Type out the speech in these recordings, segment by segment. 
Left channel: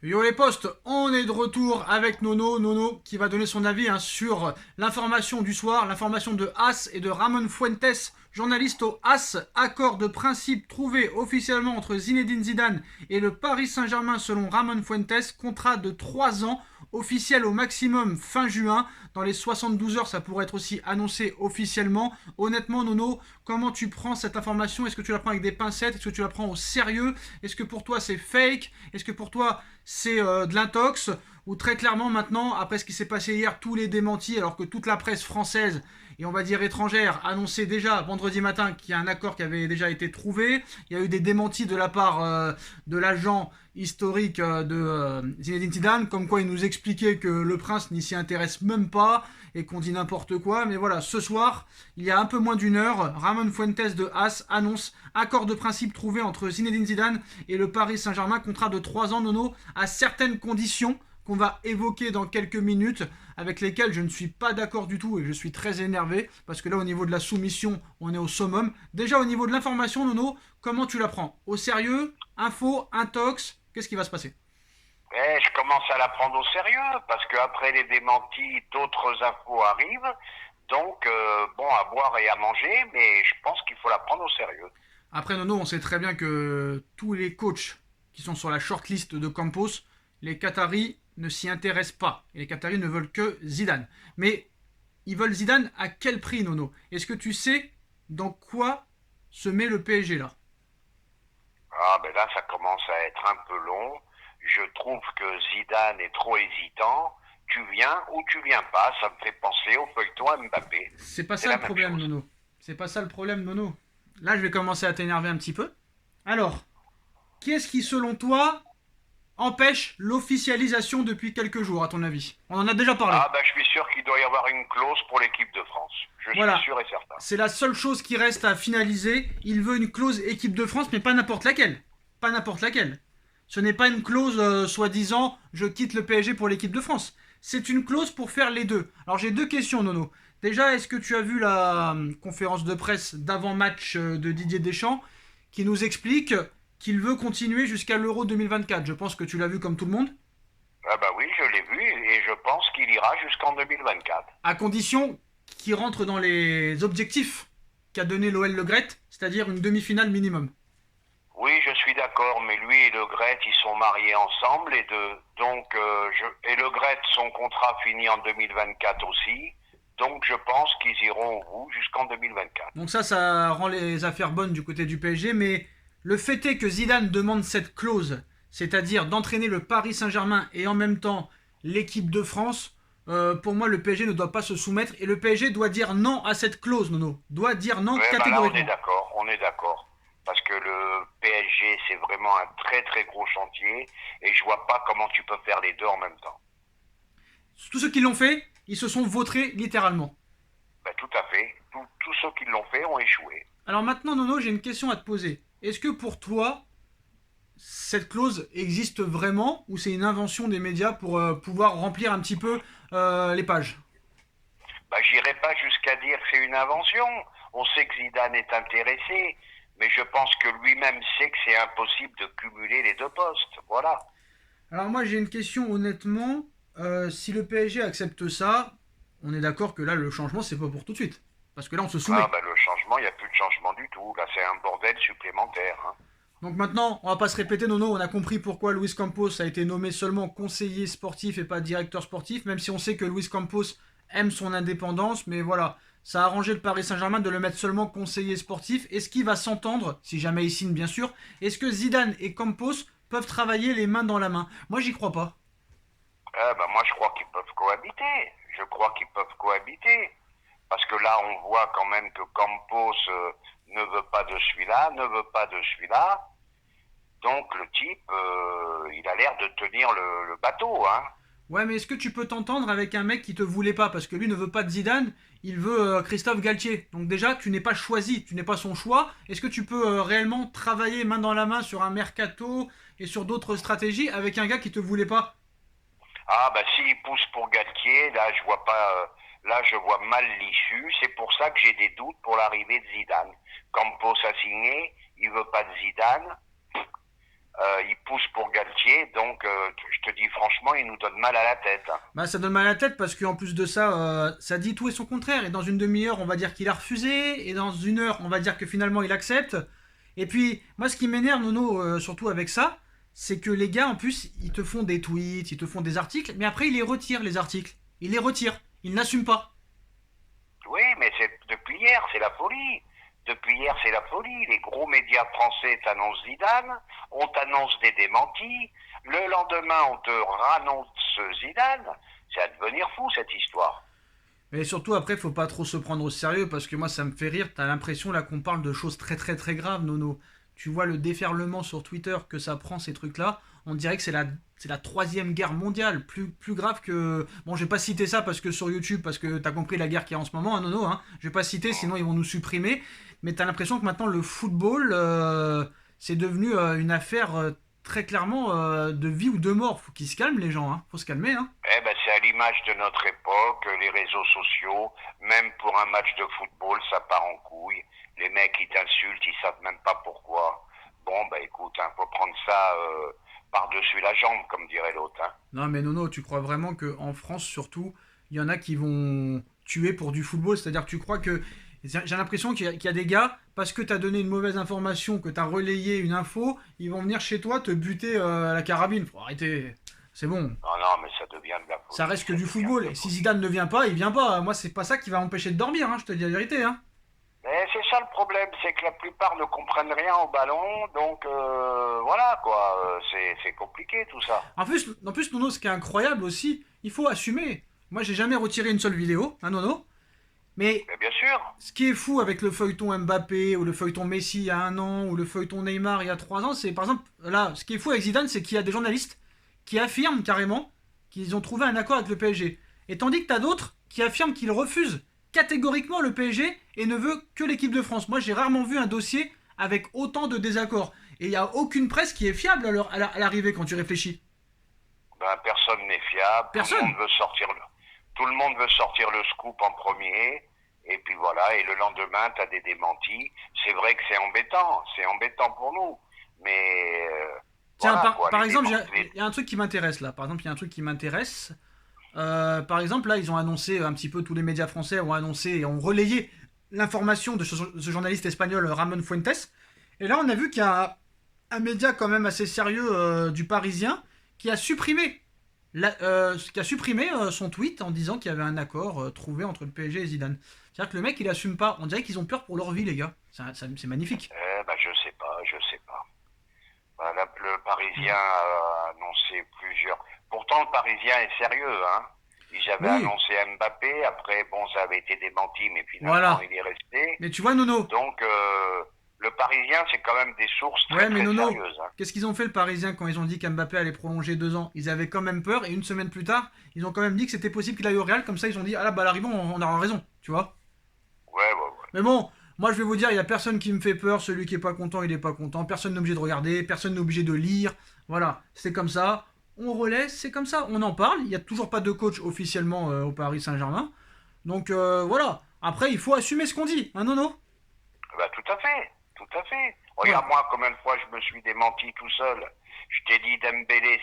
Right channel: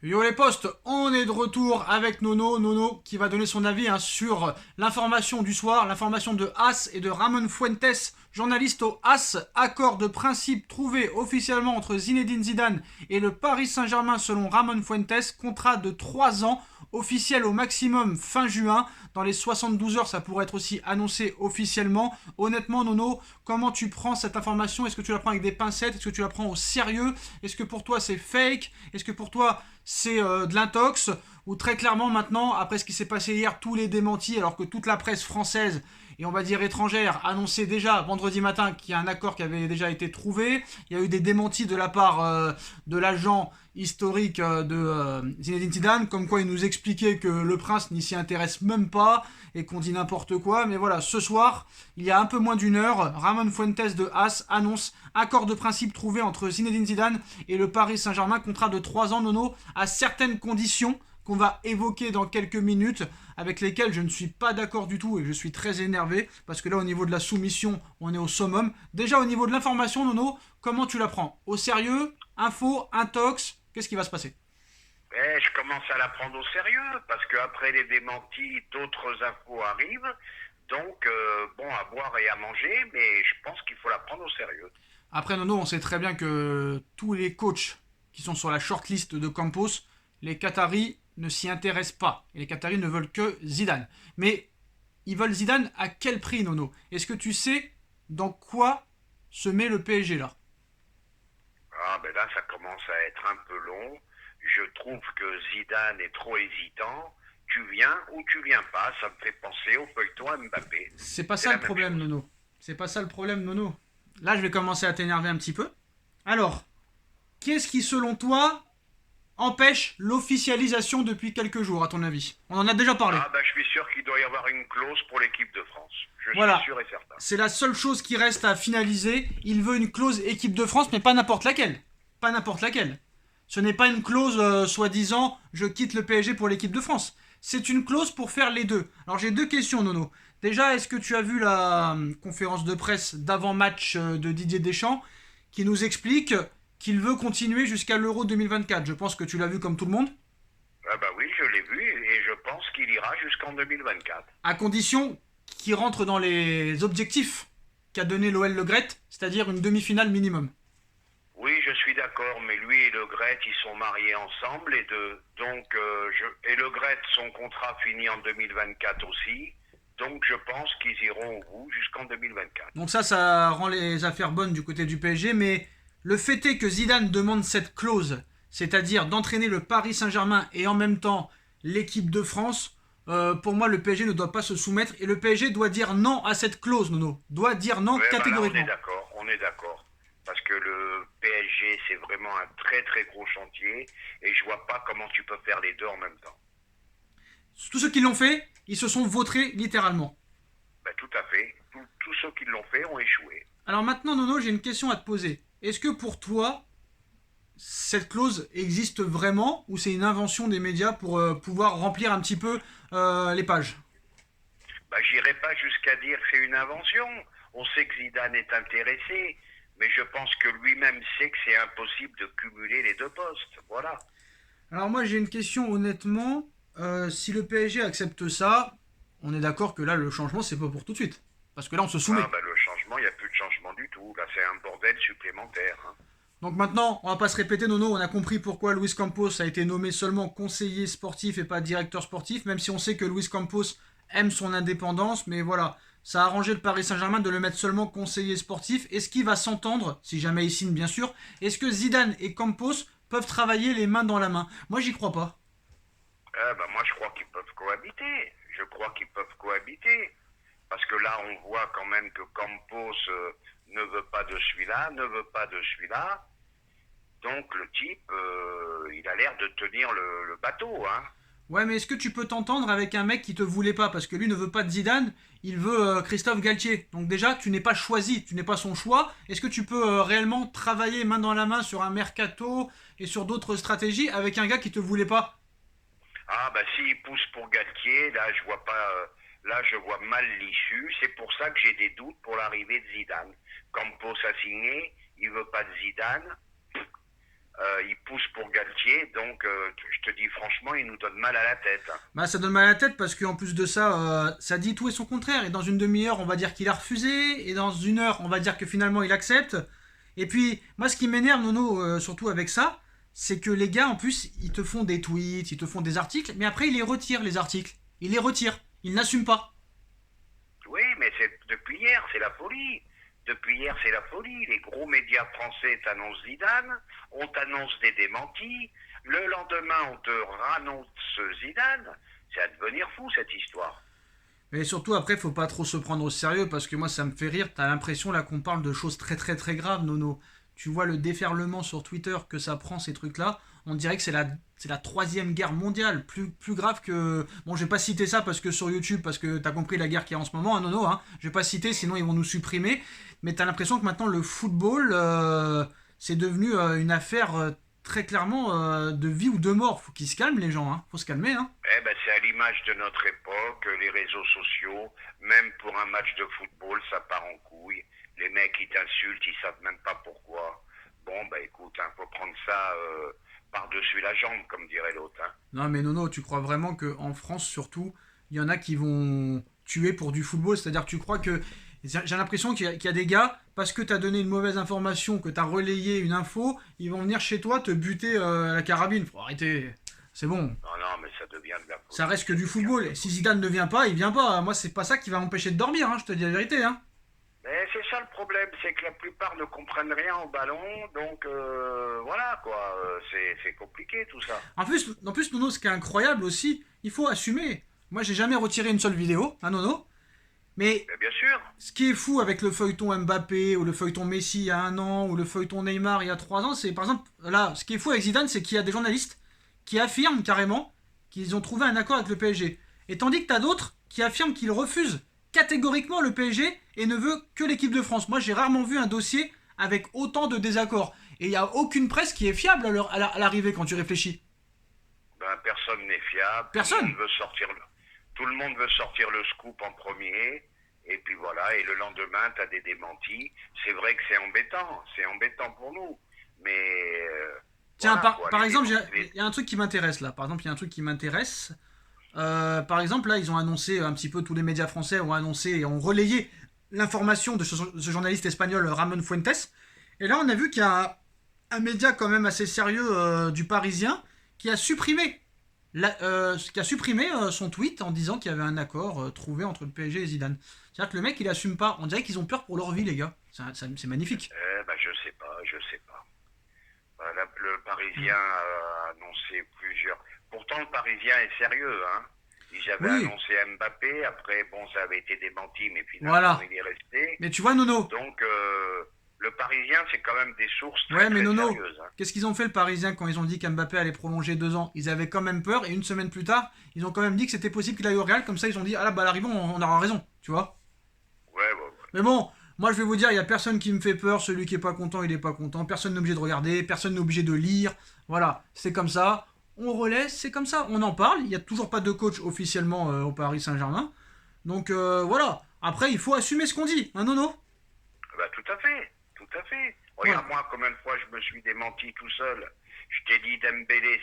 Yo les postes, on est de retour avec Nono. Nono qui va donner son avis sur l'information du soir, l'information de As et de Ramon Fuentes, journaliste au As. Accord de principe trouvé officiellement entre Zinedine Zidane et le Paris Saint-Germain selon Ramon Fuentes. Contrat de 3 ans, officiel au maximum fin juin. Dans les 72 heures, ça pourrait être aussi annoncé officiellement. Honnêtement, Nono, comment tu prends cette information? Est-ce que tu la prends avec des pincettes? Est-ce que tu la prends au sérieux? Est-ce que pour toi c'est fake? Est-ce que pour toi c'est de l'intox? Ou très clairement maintenant, après ce qui s'est passé hier, tous les démentis, alors que toute la presse française et on va dire étrangère annonçait déjà vendredi matin qu'il y a un accord qui avait déjà été trouvé. Il y a eu des démentis de la part de l'agent historique de Zinedine Zidane, comme quoi il nous expliquait que le prince n'y s'y intéresse même pas et qu'on dit n'importe quoi. Mais voilà, ce soir, il y a un peu moins d'une heure, Ramon Fuentes de As annonce accord de principe trouvé entre Zinedine Zidane et le Paris Saint-Germain, contrat de 3 ans, Nono, à certaines conditions qu'on va évoquer dans quelques minutes, avec lesquelles je ne suis pas d'accord du tout et je suis très énervé, parce que là, au niveau de la soumission, on est au summum. Déjà, au niveau de l'information, Nono, comment tu la prends? Au sérieux? Info? Intox? Qu'est-ce qui va se passer? Je commence à la prendre au sérieux parce qu'après les démentis, d'autres infos arrivent. Donc, bon, à boire et à manger, mais je pense qu'il faut la prendre au sérieux. Après, Nono, on sait très bien que tous les coachs qui sont sur la shortlist de Campos, les Qataris ne s'y intéressent pas. Et les Qataris ne veulent que Zidane. Mais ils veulent Zidane à quel prix, Nono? Est-ce que tu sais dans quoi se met le PSG là? Ah, ben là, ça commence à être un peu long. Je trouve que Zidane est trop hésitant. Tu viens ou tu viens pas, ça me fait penser au feuilleton Mbappé. C'est pas C'est ça la le même problème, chose. Nono. C'est pas ça le problème, Nono. Là, je vais commencer à t'énerver un petit peu. Alors, qu'est-ce qui, selon toi, empêche l'officialisation depuis quelques jours, à ton avis? On en a déjà parlé. Ah, ben je suis sûr qu'il doit y avoir une clause pour l'équipe de France. Je suis Voilà. sûr et certain. C'est la seule chose qui reste à finaliser. Il veut une clause équipe de France, mais pas n'importe laquelle. Pas n'importe laquelle. Ce n'est pas une clause soi-disant je quitte le PSG pour l'équipe de France. C'est une clause pour faire les deux. Alors j'ai deux questions, Nono. Déjà, est-ce que tu as vu la conférence de presse d'avant-match de Didier Deschamps qui nous explique qu'il veut continuer jusqu'à l'Euro 2024? Je pense que tu l'as vu comme tout le monde. Ah, bah oui, je l'ai vu et je pense qu'il ira jusqu'en 2024. À condition qu'il rentre dans les objectifs qu'a donné l'OL Le Gret, c'est-à-dire une demi-finale minimum. Oui, je suis d'accord, mais lui et Le Gret, ils sont mariés ensemble et Le Gret, son contrat finit en 2024 aussi. Donc je pense qu'ils iront au bout jusqu'en 2024. Donc ça rend les affaires bonnes du côté du PSG, mais le fait est que Zidane demande cette clause, c'est-à-dire d'entraîner le Paris Saint-Germain et en même temps l'équipe de France. Pour moi, le PSG ne doit pas se soumettre et le PSG doit dire non à cette clause, Nono. Doit dire non Ouais, bah là catégoriquement. on est d'accord. Parce que le PSG, c'est vraiment un très très gros chantier et je vois pas comment tu peux faire les deux en même temps. Tous ceux qui l'ont fait, ils se sont vautrés littéralement. Bah, tout à fait. Tous ceux qui l'ont fait ont échoué. Alors maintenant, Nono, j'ai une question à te poser. Est-ce que pour toi, cette clause existe vraiment ou c'est une invention des médias pour pouvoir remplir un petit peu les pages? Bah, j'irai pas jusqu'à dire que c'est une invention. On sait que Zidane est intéressé, mais je pense que lui-même sait que c'est impossible de cumuler les deux postes. Voilà. Alors moi j'ai une question honnêtement. Si le PSG accepte ça, on est d'accord que là le changement c'est pas pour tout de suite. Parce que là on se Ah soumet. bah le changement, il n'y a plus de changement du tout. Là, c'est un bordel supplémentaire, hein. Donc maintenant, on va pas se répéter, Nono, on a compris pourquoi Luis Campos a été nommé seulement conseiller sportif et pas directeur sportif, même si on sait que Luis Campos aime son indépendance, mais voilà, ça a arrangé le Paris Saint-Germain de le mettre seulement conseiller sportif. Est-ce qu'il va s'entendre, si jamais il signe bien sûr? Est-ce que Zidane et Campos peuvent travailler les mains dans la main? Moi j'y crois pas. Ah bah moi, je crois qu'ils peuvent cohabiter. Je crois qu'ils peuvent cohabiter. Parce que là, on voit quand même que Campos ne veut pas de celui-là, ne veut pas de celui-là. Donc le type, il a l'air de tenir le bateau, hein. Ouais, mais est-ce que tu peux t'entendre avec un mec qui te voulait pas? Parce que lui ne veut pas de Zidane, il veut Christophe Galtier. Donc déjà, tu n'es pas choisi, tu n'es pas son choix. Est-ce que tu peux réellement travailler main dans la main sur un mercato et sur d'autres stratégies avec un gars qui te voulait pas? Ah bah s'il pousse pour Galtier, là je vois pas, là je vois mal l'issue. C'est pour ça que j'ai des doutes pour l'arrivée de Zidane. Campos a signé, il veut pas de Zidane. il pousse pour Galtier, donc je te dis franchement, il nous donne mal à la tête. Bah, ça donne mal à la tête parce qu'en plus de ça, ça dit tout et son contraire. Et dans une demi-heure, on va dire qu'il a refusé. Et dans une heure, on va dire que finalement, il accepte. Et puis, moi, ce qui m'énerve, Nono, surtout avec ça, c'est que les gars, en plus, ils te font des tweets, ils te font des articles, mais après, ils les retirent, les articles. Ils les retirent. Ils n'assument pas. Oui, mais c'est depuis hier, c'est la folie. Depuis hier, c'est la folie. Les gros médias français t'annoncent Zidane, on t'annonce des démentis. Le lendemain, on te rannonce Zidane. C'est à devenir fou, cette histoire. Mais surtout, après, faut pas trop se prendre au sérieux parce que moi, ça me fait rire. T'as l'impression là qu'on parle de choses très très très graves, Nono. Tu vois le déferlement sur Twitter que ça prend ces trucs-là. On dirait que c'est la troisième guerre mondiale, plus grave que. Bon, je vais pas citer ça parce que sur YouTube, parce que t'as compris la guerre qu'il y a en ce moment, hein, Nono. Hein. Je vais pas citer, sinon ils vont nous supprimer. Mais t'as l'impression que maintenant le football, c'est devenu une affaire très clairement de vie ou de mort. Faut qu'ils se calment les gens, hein. Faut se calmer, hein. Eh ben, c'est à l'image de notre époque, les réseaux sociaux, même pour un match de football, ça part en couille. Les mecs, ils t'insultent, ils savent même pas pourquoi. Bon, bah écoute, faut prendre ça par-dessus la jambe, comme dirait l'autre. Hein. Non, mais Nono, tu crois vraiment qu'en France, surtout, il y en a qui vont tuer pour du football? C'est-à-dire que tu crois que. J'ai l'impression qu'il y a des gars, parce que tu as donné une mauvaise information, que tu as relayé une info, ils vont venir chez toi te buter à la carabine. Faut arrêter. C'est bon. Non, non, mais ça devient de la folie. Ça reste que du football. Et si Zidane ne vient pas, il vient pas. Moi, c'est pas ça qui va m'empêcher de dormir, hein, je te dis la vérité. Hein. Mais c'est ça le problème, c'est que la plupart ne comprennent rien au ballon, donc voilà quoi, c'est compliqué tout ça. En plus, Nono, ce qui est incroyable aussi, il faut assumer. Moi, j'ai jamais retiré une seule vidéo, hein, Nono. Mais Mais bien sûr. ce qui est fou avec le feuilleton Mbappé, ou le feuilleton Messi il y a un an, ou le feuilleton Neymar il y a 3 ans, c'est par exemple, là, ce qui est fou avec Zidane, c'est qu'il y a des journalistes qui affirment carrément qu'ils ont trouvé un accord avec le PSG. Et tandis que t'as d'autres qui affirment qu'ils refusent catégoriquement le PSG et ne veut que l'équipe de France. Moi, j'ai rarement vu un dossier avec autant de désaccords. Et il n'y a aucune presse qui est fiable à l'arrivée quand tu réfléchis. Ben, personne n'est fiable. Personne. Tout le monde veut sortir le scoop en premier. Et puis voilà, et le lendemain, tu as des démentis. C'est vrai que c'est embêtant pour nous. Mais Tiens, voilà, par exemple, les- il y a un truc qui m'intéresse là. Par exemple, il y a un truc qui m'intéresse. Par exemple, là, ils ont annoncé un petit peu, tous les médias français ont annoncé et ont relayé l'information de ce journaliste espagnol Ramon Fuentes. Et là, on a vu qu'il y a un média quand même assez sérieux du Parisien qui a supprimé, son tweet en disant qu'il y avait un accord trouvé entre le PSG et Zidane. C'est-à-dire que le mec, il assume pas. On dirait qu'ils ont peur pour leur vie, les gars. C'est magnifique. ben, je sais pas. Ben, le Parisien a annoncé plusieurs. Pourtant, le Parisien est sérieux, hein. Ils avaient Oui, annoncé Mbappé, après, bon, ça avait été démenti, mais finalement, voilà. il est resté. Mais tu vois, Nono. Donc, le Parisien, c'est quand même des sources très, Ouais, mais très Nono, sérieuses. Hein. qu'est-ce qu'ils ont fait le Parisien quand ils ont dit qu'Mbappé allait prolonger 2 ans? Ils avaient quand même peur et une semaine plus tard, ils ont quand même dit que c'était possible qu'il aille au Real. Comme ça, ils ont dit ah là, bah à l'arrivée, on aura raison, tu vois. Ouais. Mais bon, moi je vais vous dire, il y a personne qui me fait peur. Celui qui est pas content, il est pas content. Personne n'est obligé de regarder, personne n'est obligé de lire. Voilà, c'est comme ça. On relaie, c'est comme ça. On en parle. Il y a toujours pas de coach officiellement au Paris Saint-Germain. Donc voilà. Après, il faut assumer ce qu'on dit, hein, Nono? Bah, tout à fait. Voilà. Regarde, moi, combien de fois je me suis démenti tout seul. Je t'ai dit Dembélé,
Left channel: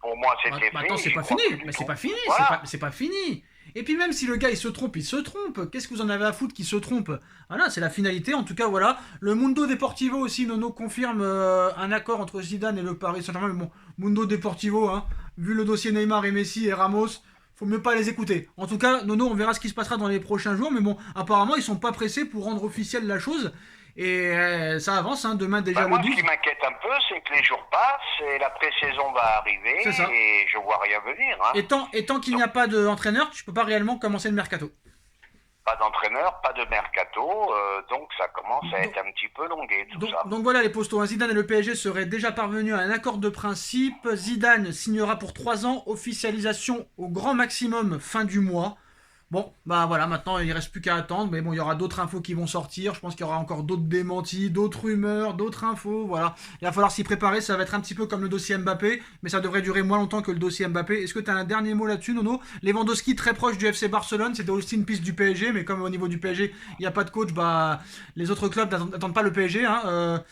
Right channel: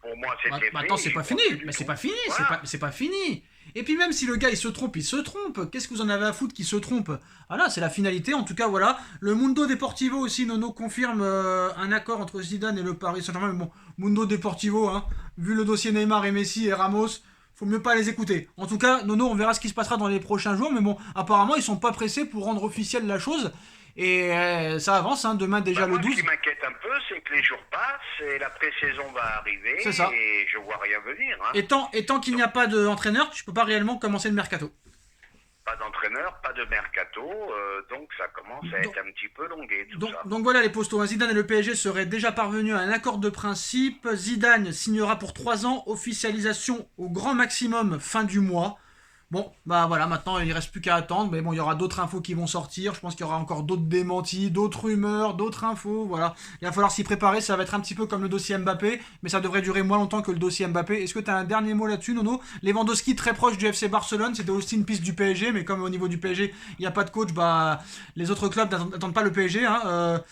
pour moi, c'était fait. Maintenant, c'est je pas crois fini. que Mais c'est c'est pas tout. fini. Voilà. C'est pas fini. Et puis même si le gars il se trompe, il se trompe. Qu'est-ce que vous en avez à foutre qu'il se trompe? Voilà, c'est la finalité. En tout cas, voilà. Le Mundo Deportivo aussi, Nono confirme un accord entre Zidane et le Paris Saint-Germain. Mais bon, Mundo Deportivo, hein, vu le dossier Neymar et Messi et Ramos, faut mieux pas les écouter. En tout cas, Nono, on verra ce qui se passera dans les prochains jours. Mais bon, apparemment, ils sont pas pressés pour rendre officielle la chose. Et ça avance, hein, demain déjà Bah, le moi, 12. ce qui m'inquiète un peu, c'est que les jours passent et la pré-saison va arriver C'est ça. et je vois rien venir. Hein. Et tant qu'il n'y a pas d'entraîneur, tu peux pas réellement commencer le mercato. Pas d'entraîneur, pas de mercato, donc ça commence à Donc, être un petit peu longué tout Donc, ça. donc voilà les postos. Zidane et le PSG seraient déjà parvenus à un accord de principe. Zidane signera pour 3 ans, officialisation au grand maximum fin du mois. Bon, bah voilà, maintenant il reste plus qu'à attendre. Mais bon, il y aura d'autres infos qui vont sortir. Je pense qu'il y aura encore d'autres démentis, d'autres rumeurs, d'autres infos. Voilà, il va falloir s'y préparer. Ça va être un petit peu comme le dossier Mbappé, mais ça devrait durer moins longtemps que le dossier Mbappé. Est-ce que tu as un dernier mot là-dessus, Nono? Lewandowski très proche du FC Barcelone. C'était aussi une piste du PSG, mais comme au niveau du PSG, il n'y a pas de coach, bah les autres clubs n'attendent pas le PSG. Hein.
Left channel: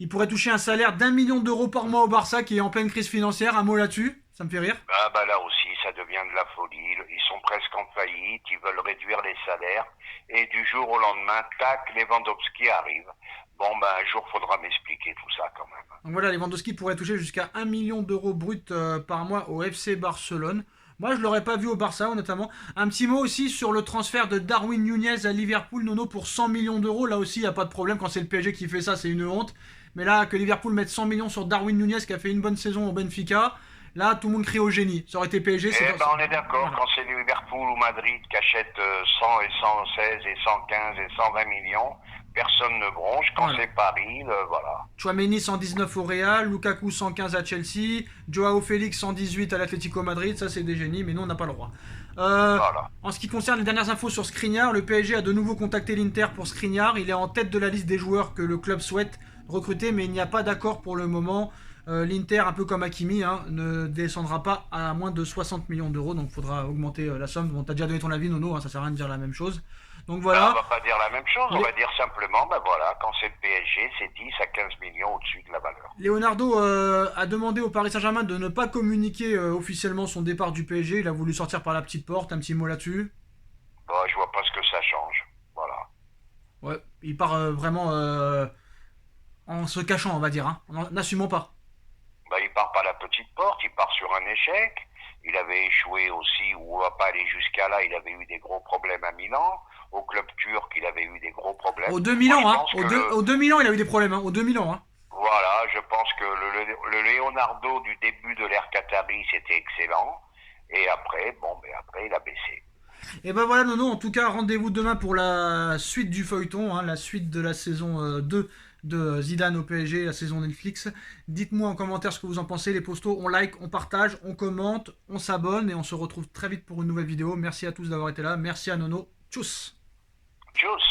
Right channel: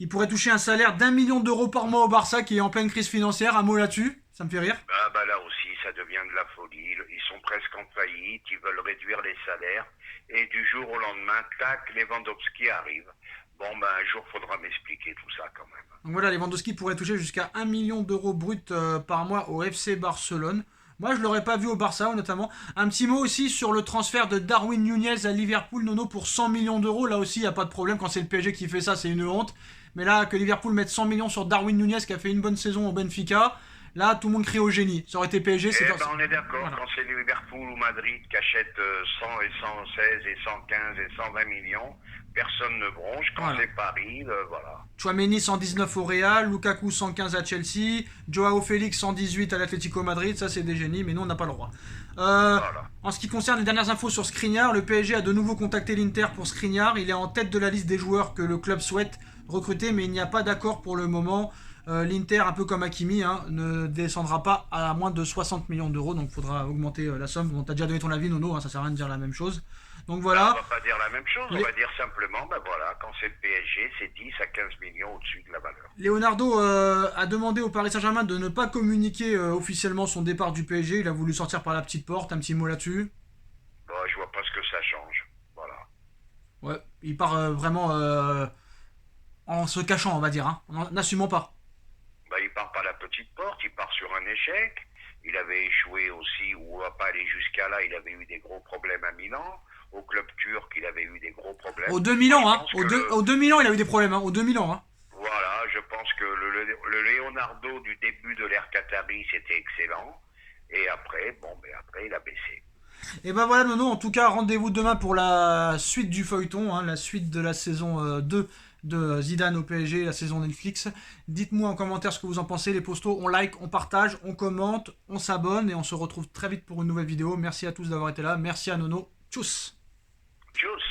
Il pourrait toucher un salaire d'1 million d'euros par mois au Barça qui est en pleine crise financière. Un mot là-dessus, ça me fait rire. Ah bah là aussi, ça devient de la folie. Ils sont presque en faillite, ils veulent réduire les salaires. Et du jour au lendemain, tac, Lewandowski arrive. Bon, ben un jour, faudra m'expliquer tout ça quand même. Donc voilà, Lewandowski pourrait toucher jusqu'à 1 million d'euros brut par mois au FC Barcelone. Moi, je l'aurais pas vu au Barça, notamment. Un petit mot aussi sur le transfert de Darwin Nunez à Liverpool, Nono, pour 100 millions d'euros. Là aussi, il n'y a pas de problème. Quand c'est le PSG qui fait ça, c'est une honte. Mais là, que Liverpool mette 100 millions sur Darwin Nunez, qui a fait une bonne saison au Benfica, là, tout le monde crie au génie. Ça aurait été PSG, c'est... On est d'accord, voilà. Quand c'est Liverpool ou Madrid qui achètent 100 et 116 et 115 et 120 millions, personne ne bronche. Quand voilà. C'est Paris, voilà. Tchouaméni 119 au Real, Lukaku 115 à Chelsea, Joao Félix 118 à l'Atlético Madrid, ça c'est des génies, mais nous on n'a pas le droit. Voilà. En ce qui concerne les dernières infos sur Skriniar, le PSG a de nouveau contacté l'Inter pour Skriniar. Il est en tête de la liste des joueurs que le club souhaite recruter, mais il n'y a pas d'accord pour le moment. L'Inter, un peu comme Hakimi, ne descendra pas à moins de 60 millions d'euros, donc il faudra augmenter la somme. Bon, t'as déjà donné ton avis, Nono, ça sert à rien de dire la même chose. Donc voilà. On va pas dire la même chose, on va dire simplement, voilà, quand c'est le PSG, c'est 10 à 15 millions au-dessus de la valeur. Leonardo a demandé au Paris Saint-Germain de ne pas communiquer officiellement son départ du PSG. Il a voulu sortir par la petite porte, un petit mot là-dessus. Je vois pas ce que ça change, voilà. Ouais, il part vraiment en se cachant, on va dire, en n'assumant pas. Il part par la petite porte, il part sur un échec. Il avait échoué aussi, ou va pas aller jusqu'à là, il avait eu des gros problèmes à Milan. Au club turc, il avait eu des gros problèmes. Au 2000 ans, au 2000 ans, il a eu des problèmes, au 2000 ans. Voilà, je pense que le Leonardo du début de l'ère Qatari, c'était excellent. Et après, après, il a baissé. Et ben voilà, Nono, en tout cas, rendez-vous demain pour la suite du feuilleton, la suite de la saison 2 de Zidane au PSG, la saison Netflix. Dites-moi en commentaire ce que vous en pensez, les postos, on like, on partage, on commente, on s'abonne et on se retrouve très vite pour une nouvelle vidéo. Merci à tous d'avoir été là, merci à Nono, tchuss. Tchuss.